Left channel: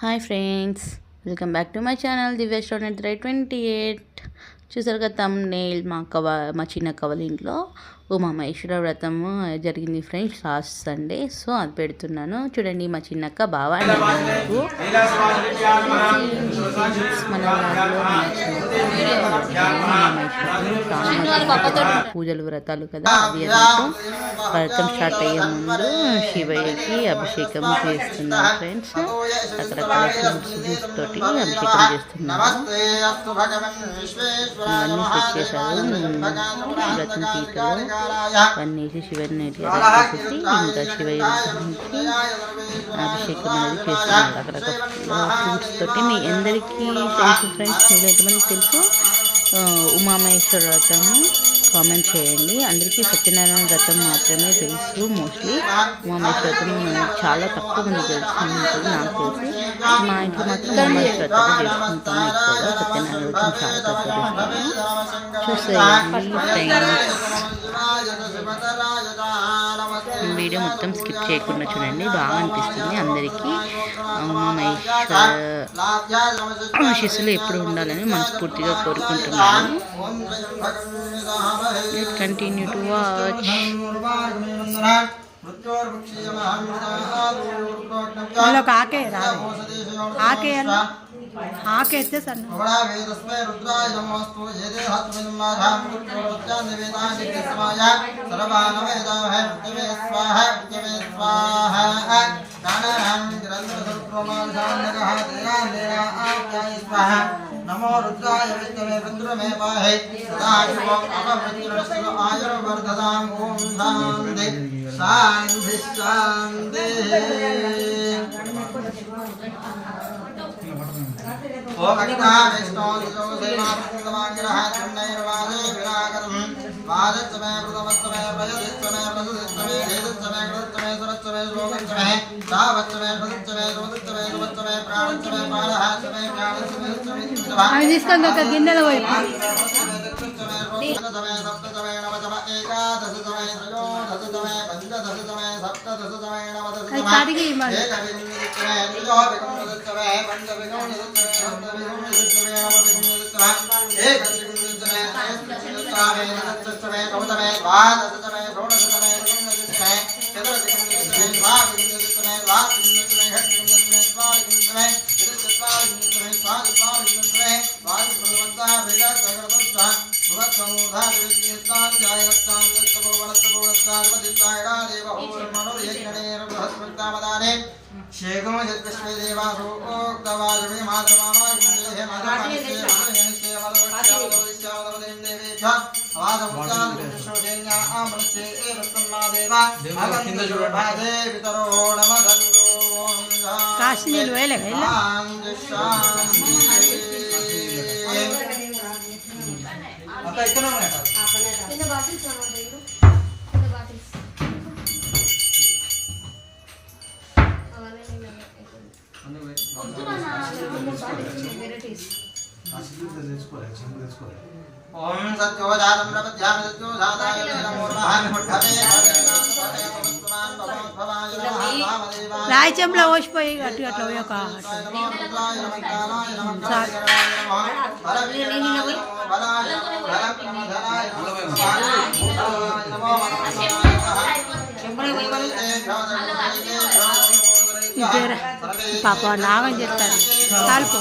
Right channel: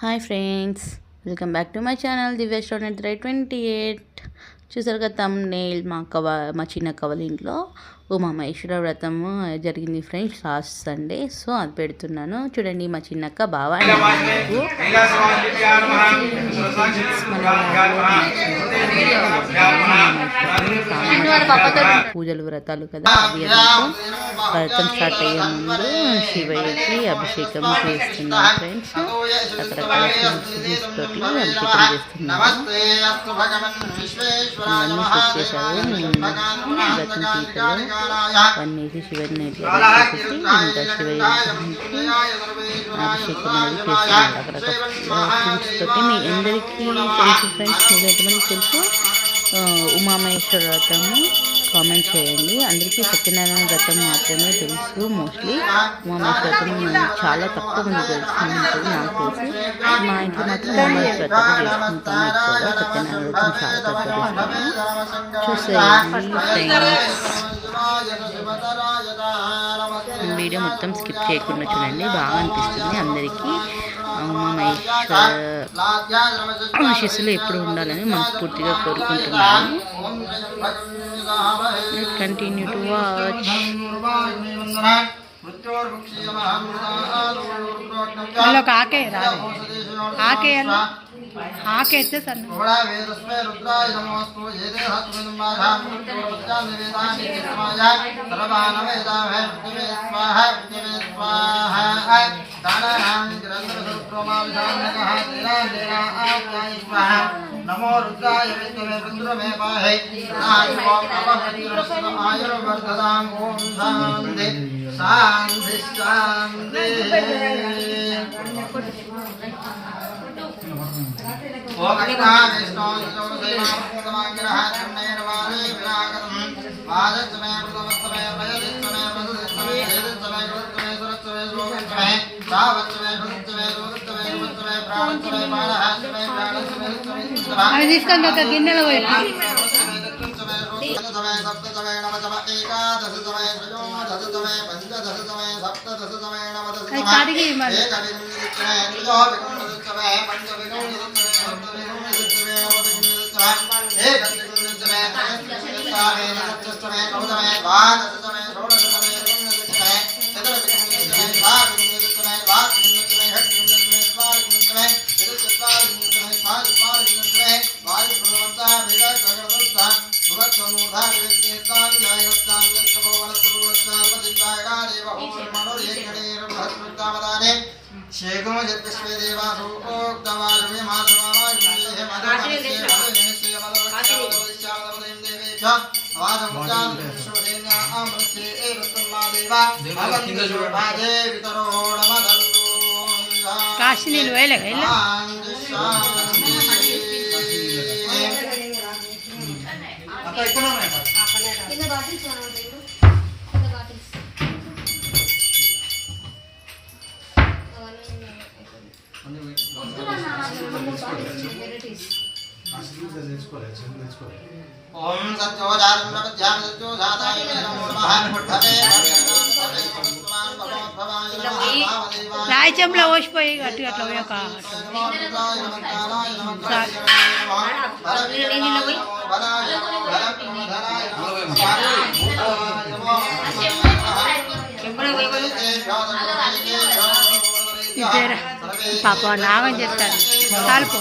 Hi friends, welcome back to my channel Divya restaurant 28. చూసారు కదా thumbnail. మా చిన్న కవల ఇంట్లో ఉమామహేశ్వర వ్రతము జరిగింది ఫ్రెండ్స్ లాస్ట్ సండే. సో అది పెడుతున్నాను చూడండి. మా చిన్నక్క బాగా పూజలు వ్రతాలు కదా అవి వ్రతం స్టార్ట్ అయ్యే ముందు శివయ్యకి అభిషేకం చేస్తున్నాను ఫ్రెండ్స్. రకరకాల ఫ్రూట్స్ తోటి అభిషేకం చేస్తున్నాను. అవన్నీ సెట్ చేశారు. వ్రతం పీటలు అవన్నీ వేసి శివని వేసేసి ఇంకా శివయ్య విగ్రహానికి అభిషేకం అనేది చేస్తున్నాను రకరకాల ఫ్రూట్స్ తోటి. మీ అందరికీ తెలుసు ఫ్రెండ్స్, మీరు ఎంతమందికి తెలుసు ఉమామహేశ్వర వ్రతము కామెంట్ చేయండి. అందరికీ సత్యనారాయణ వ్రతం మాత్రమే తెలుసు. మోస్ట్లీ ఉమామహేశ్వర వ్రతం చాలా తక్కువ మంది తెలుసుకుంటుంది. నాకు తెలిసి మా ఇంట్లో మాత్రం ఉమామహేశ్వర వ్రతం చేసుకుంటాము ఎక్కువగా. సత్యనారాయణ వ్రతం చాలా తక్కువ చేస్తాము. చూసేయండి ఫ్రెండ్స్, వీడియో మొత్తం స్కిప్ చేయకుండా చూడండి, బాగా అనిపిస్తుంది. అందరికీ ఉమామహేశ్వర శిష్యులు ఎప్పుడు ఉండాలని మనస్ఫూర్తిగా కోరుకుంటున్నాను. Continue to watch. ఆకే రాదు, ఆకే ఆకే ఎత్తే సన్న नमो रुद्राय विद्महे रुद्रमे पाहि आयुर्वर्धतां ओम शांति शांति शांति। ओम अग्निना विष्णु देवामृतमाग्रह तन्नैर्वादे विरागरं वादच्चमे प्रथमस्तमे प्रयदिच्चमे प्रदिच्चमे वेदिच्चमे कृतच्चमे सरच्चमे श्लोकच्चमे सावच्चमे प्रदिच्चमे गोदच्चमे गुवच्चमे प्राणच्चमे पादहाच्चमे प्राणच्चमे అది తీసుకొని ఒక గిన్నెలో పోయి కడిగి మరి కాశీ నీళ్ళు వేయలే ओम सत्योजातं प्रपद्यां सत्योजाताय नमो नमः రాయి చెంబులో పోసిపోయి అటు అట్లా పోయాక పాప నాగం చెప్తారు కాలుపు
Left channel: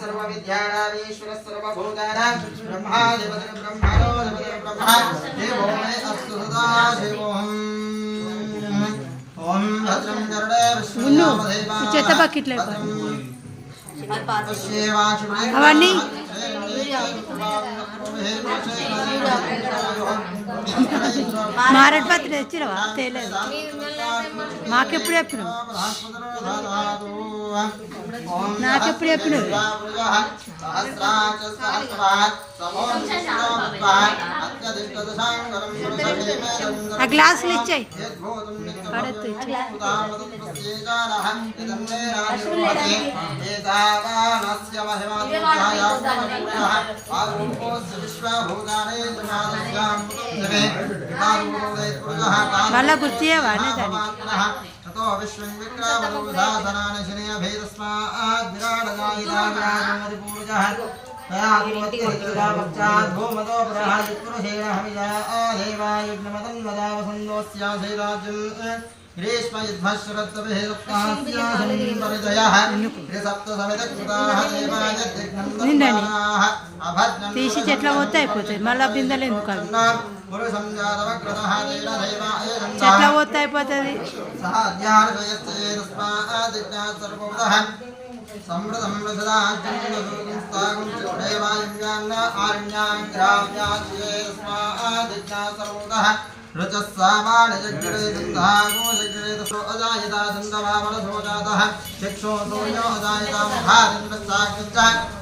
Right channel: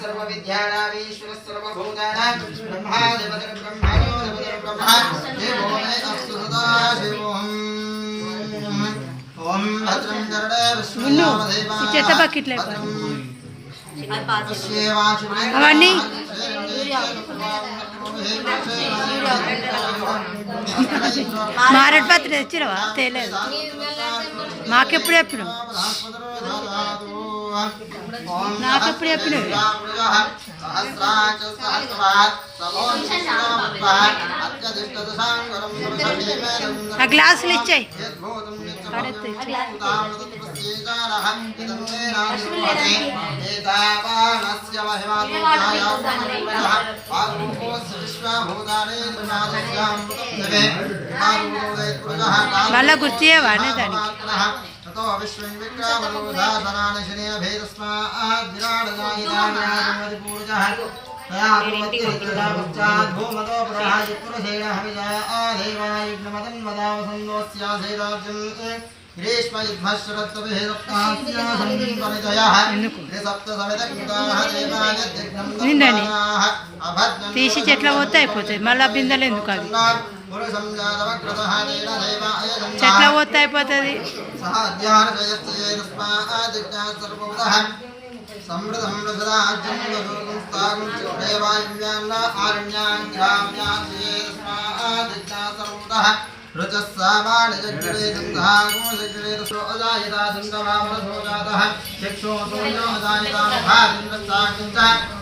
सर्वविद्यानामीश्वर सर्वभूतानां ब्रह्मादिपतिं ब्रह्मणोऽधिपतिं ब्रह्मा देवो मे अस्तु सदा शिवोऽहम्। ओम भद्रं कर्णे विष्णुदेवा అవన్నీ మారటి పత్రి తెచ్చినవా? తెలియదు, మాకెప్పుడు చెప్పినావు? నాకెప్పుడు చెప్పినవి ఆ గ్లాసులు ఇచ్చాయి మళ్ళా గుర్తు చేయవానే దానికి ततो विश्वं विक्रमरूधाधनानि शनिभेदस्मात् विराडनायितान्यादिपूर्जः तया भूमतिर्जलापश्चात् भूमतो प्रहाजित्पुरुषेण हविजा आदेवायुग्नमदन्वदावसन्दोऽस्याधीराज्यम् తీసి చెట్ల పోతే అయిపోతాయి మళ్ళీ బిందెలు ఎందుకు అవి చెట్ల పోతే అయిపోతుంది సమృద్ధం రుచస్సామాని జగ్గిరే దుంధాగో జగ్గిరే అజాయతా దుందవామనసో జాతః చక్షో సూర్యో అజాయతా ముఖారింద్రసాకించ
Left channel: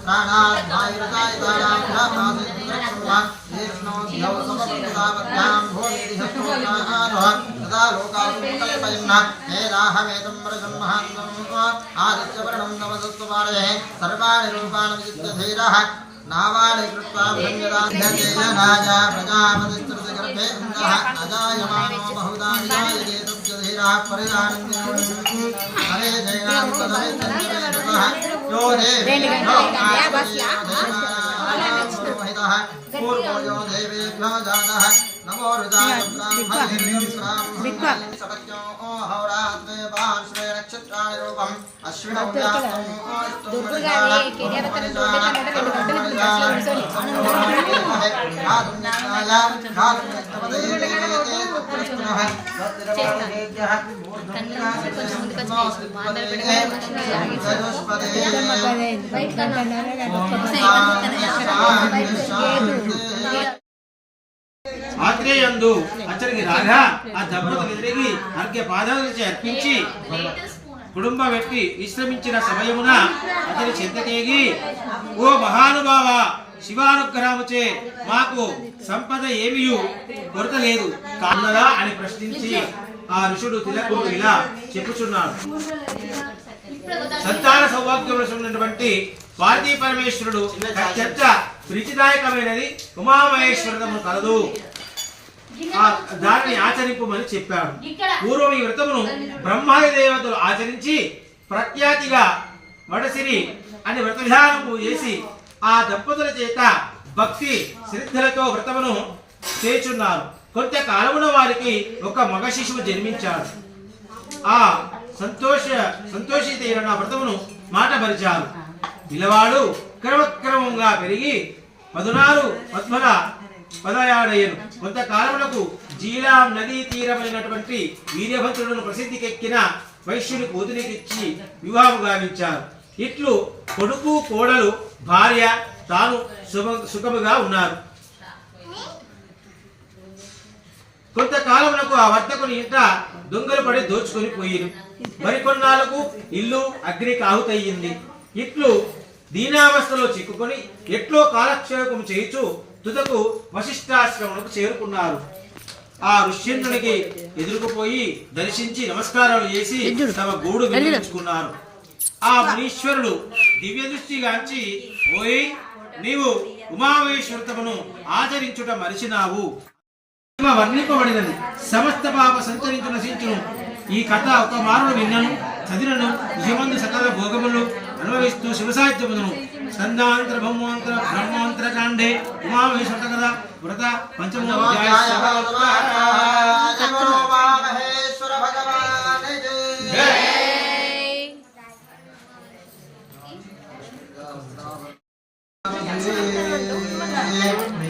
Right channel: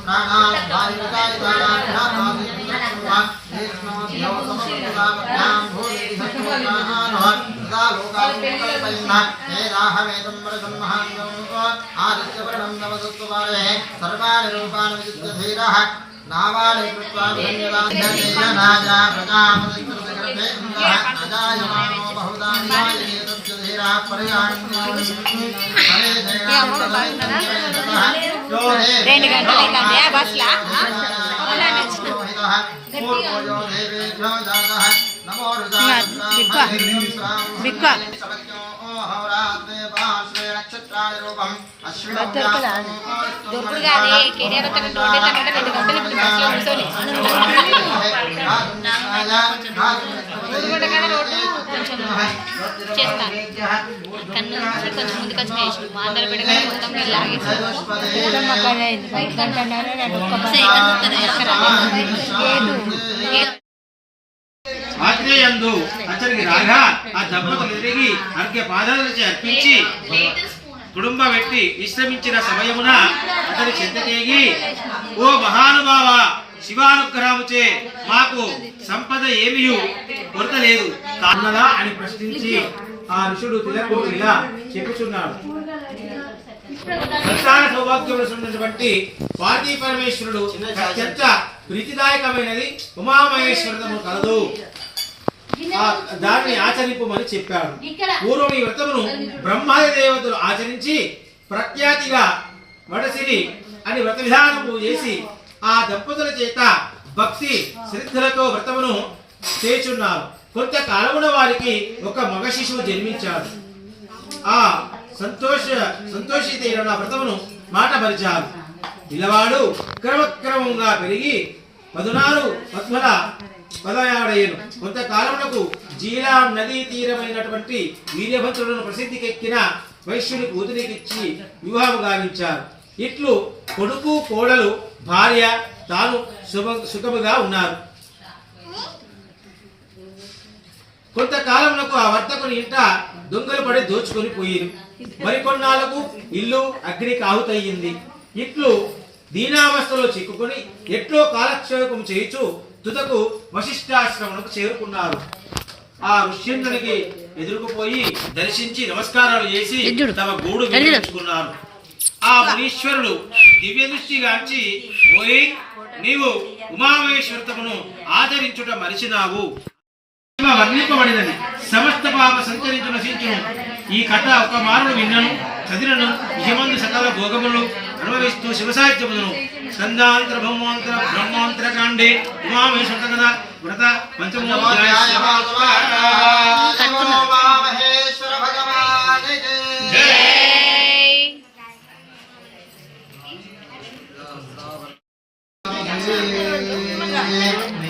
ప్రాణాత్ వాయురజాయతానాభ్యామాసిద్ధ్యా ఏష్ణో ధ్యౌ సమపదాభ్యాం భూమితి శక్నో ప్రాణానః తదా లోకాలుకల్పయన్న హే రాహమేతం వరదం మహాన్యం ఆదిత్యవర్ణం నమసత్వమారే సర్వాణి రూపాణి విద్యధీరః నావాణి కృత్వా భంగదాన్యజేయనాజా ప్రజాపతిస్తృతగర్భే అజాయమానో బహుదాన్యాయే తస్య ధీరా పరిగాణ్యం హరే పూర్వజో దేవేభ్యో జాతః నమో ఆగ్నేయందు అతనికి రాగా ఆ దంపతులు ఎదిగి అర్ఘ్య పాదాలచి అర్పించి కుటుంబ వ్యక్తి విశ్రమించిన సమయమున అతని చెంతకేగి ఓ మహానుభావ శివానుగ్రహముచే మాకు సంపద ఏమియు కొరత లేదు కాన్నదా అని ప్రశ్నించి ఆ ఋషుడు తిలకుడు ఇలా చెప్పుచున్నాడు. సంతాన సౌభాగ్యమైనటువంటి పార్వతీ పరమేశ్వరుడు అత్యంత ప్రీతిదాయకమైనది ఉమామహేశ్వరము కలదు, దాన్ని ఆచరింపమని చెప్పాడు. పూర్వం ఈ వ్రతమును బ్రహ్మాది దేవతలు ఆచరించి ప్రఖ్యాతిగా వడసిరి అని వ్రత విధానము చేసి ఆ దంపతుల చేత భక్తి శ్రద్ధలతో వ్రతమును కొంతకాలమున వారికి ఒక మగ శిశువు జన్మించాడు. ఆ సంతోషితైన వ్రతమును మాట మరిచారు. పిల్లవాడు క్రమక్రమంగా పెరిగి 16 పద్మల పదయాడయ్యను. కొంతకాలమునకు జీలా నదీ తీరమైనటువంటి వీర్యభద్రులను ప్రసిద్ధికెక్కిన వైశ్యుని కూతురికిచ్చి వివాహము గావించారు. ఇట్లు కొడుకు కోడలు భార్య తాను సుఖముగా ఉన్నారు. కొంతకాలమునకు ఆ వర్తకుని ఇంట దొంగలు పడి దోచుకొని పోయిరు. మరికొన్నాళ్లకు ఇల్లు అగ్నికి ఆహుతయ్యింది. ఇట్లు దీనావస్థలో చిక్కుకొని ఎట్లో కాలక్షేపం చేయుచు తుదకు వశిష్ఠాశ్రమునకు చేరుకున్నారు. ఆ ఋష్యేంద్రునికి ఎదురుకుపోయి దర్శించి నమస్కారాలు చేసి తమ గూడు వినిపించుకున్నారు. ఆ మునీశ్వరుడు దివ్య దృష్టిగాంచి ఓయ్ నీవు ఉమామహేశ్వరతమును ఆచరించుట మరిచినావు, వర్ణింపబడినది సమస్త పాప సంచరించు నశించును. ఈ కథ ఒక మారును విన్నను చదివినను యమందు సకల భోగములు అనుభవిస్తూ శివసాహిత్యమును స్కందాంతర బ్రహ్మాంతర కాండే ఉమామహేశ్వర కథ వ్రత పంచమోధ్యాయ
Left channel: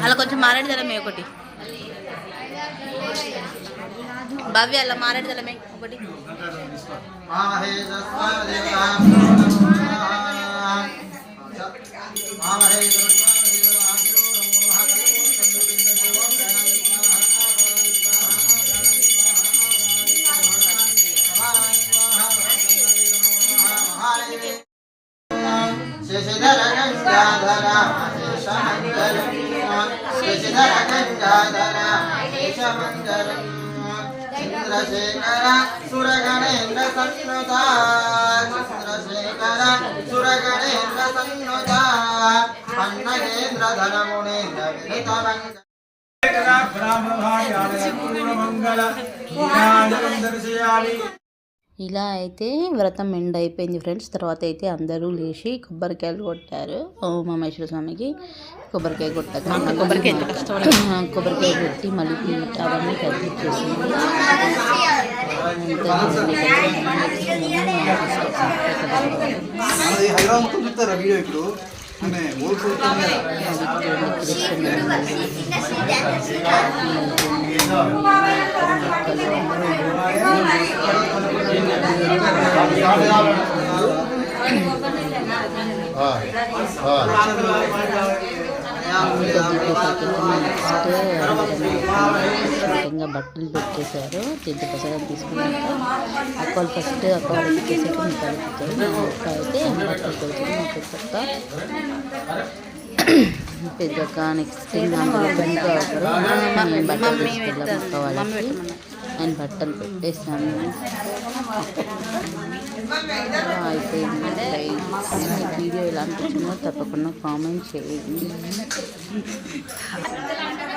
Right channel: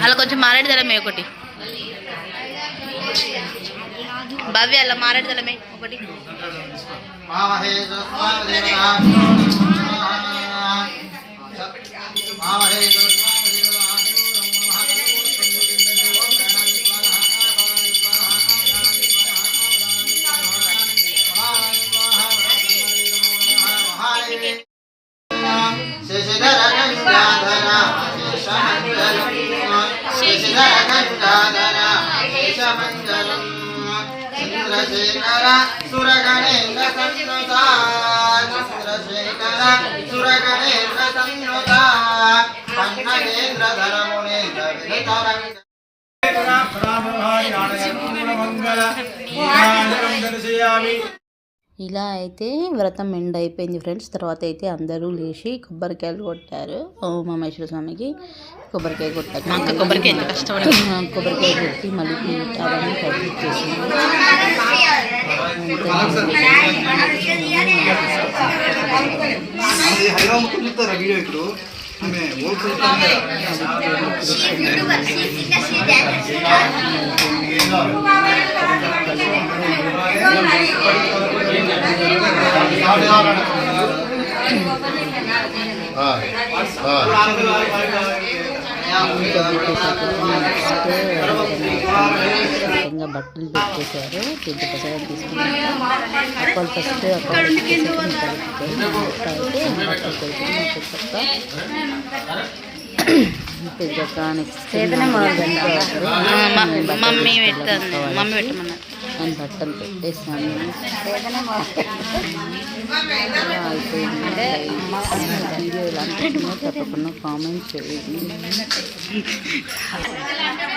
అలా కొంచెం మారేడు దళమే ఒకటి భవ్య అలా మారేడు దళమే ఒకటి సాధన యశమంగళం చంద్రశేఖర సురగణేంద్ర సన్నుత చంద్రశేఖర సురగణేంద్ర సన్నుత పన్నగేంద్ర ధనమునేంద్ర వినుత ఇలా అయితే వ్రతం ఎండ్ అయిపోయింది ఫ్రెండ్స్. తర్వాత అయితే అందరూ లేచి కొబ్బరికాయలు కొట్టారు ఉమామహేశ్వర స్వామికి. కొబ్బరికాయ కొట్టాక కొబ్బరికాయ కొట్టి మళ్ళీ ప్లేట్ అవన్నీ కంప్లీట్ చేసింది. బట్టలు పెట్టేశారు. తింటే ప్రసాదం తీసుకున్నాక అక్కలు ఫస్ట్ అక్కలు పెట్టేసాక అయితే బట్టలు పెడుతుంది మా పెద్దక్క నెక్స్ట్ నేను బట్టలు పెట్టేసాను. అయిపోయింది. వీడియో ఎలా అనిపించిందో తప్పకుండా కామెంట్ చేయండి.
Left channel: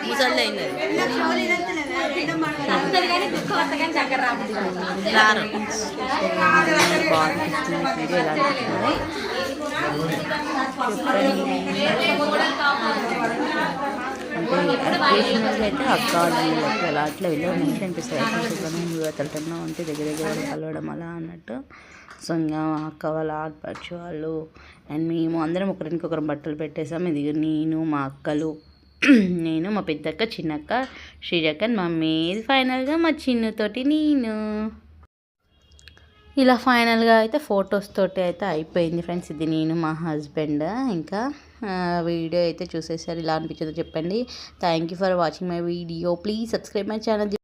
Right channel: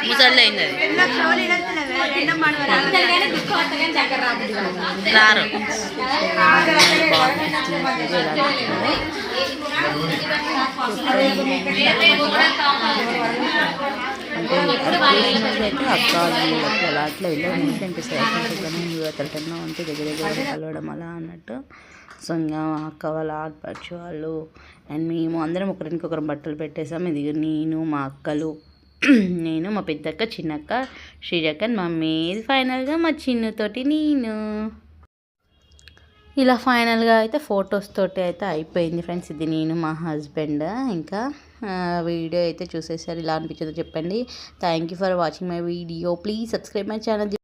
ముసలి రారు బాగా అనిపిస్తుంది. వీడియో ఎలా అనిపించిందో అంటే అకేషనల్గా అయితే అక్క వీళ్ళకి అలా అట్లా వెళ్ళడం మంచిగా అనిపిస్తుంది. అతను ఉంటే దగ్గర వాళ్ళు కలవడం అలా అన్నట్టు. సో ఇంకా అక్క వాళ్ళ ఆడపడుచు వాళ్ళు అండ్ మేము అందరం ఒకరికొకరం బట్టలు పెట్టేసాం. ఇది నేను మా అక్కలు నేను మా పెద్దక్క చిన్నక్క శ్రీజక్క మమ్మీ. ఇది ఫైనల్గా మా చిన్నుతోటి నేను. ఇలా ఫైనల్గా అయితే ఫొటోస్ తోటి అయితే అయిపోయింది ఫ్రెండ్స్. ఇది నేను మా హస్బెండ్. ఇంకా వీడియో అయితే చూసేసారు. ఇలా అనిపించిందో చెప్పండి. Thank you for watching my video. Please subscribe my channel.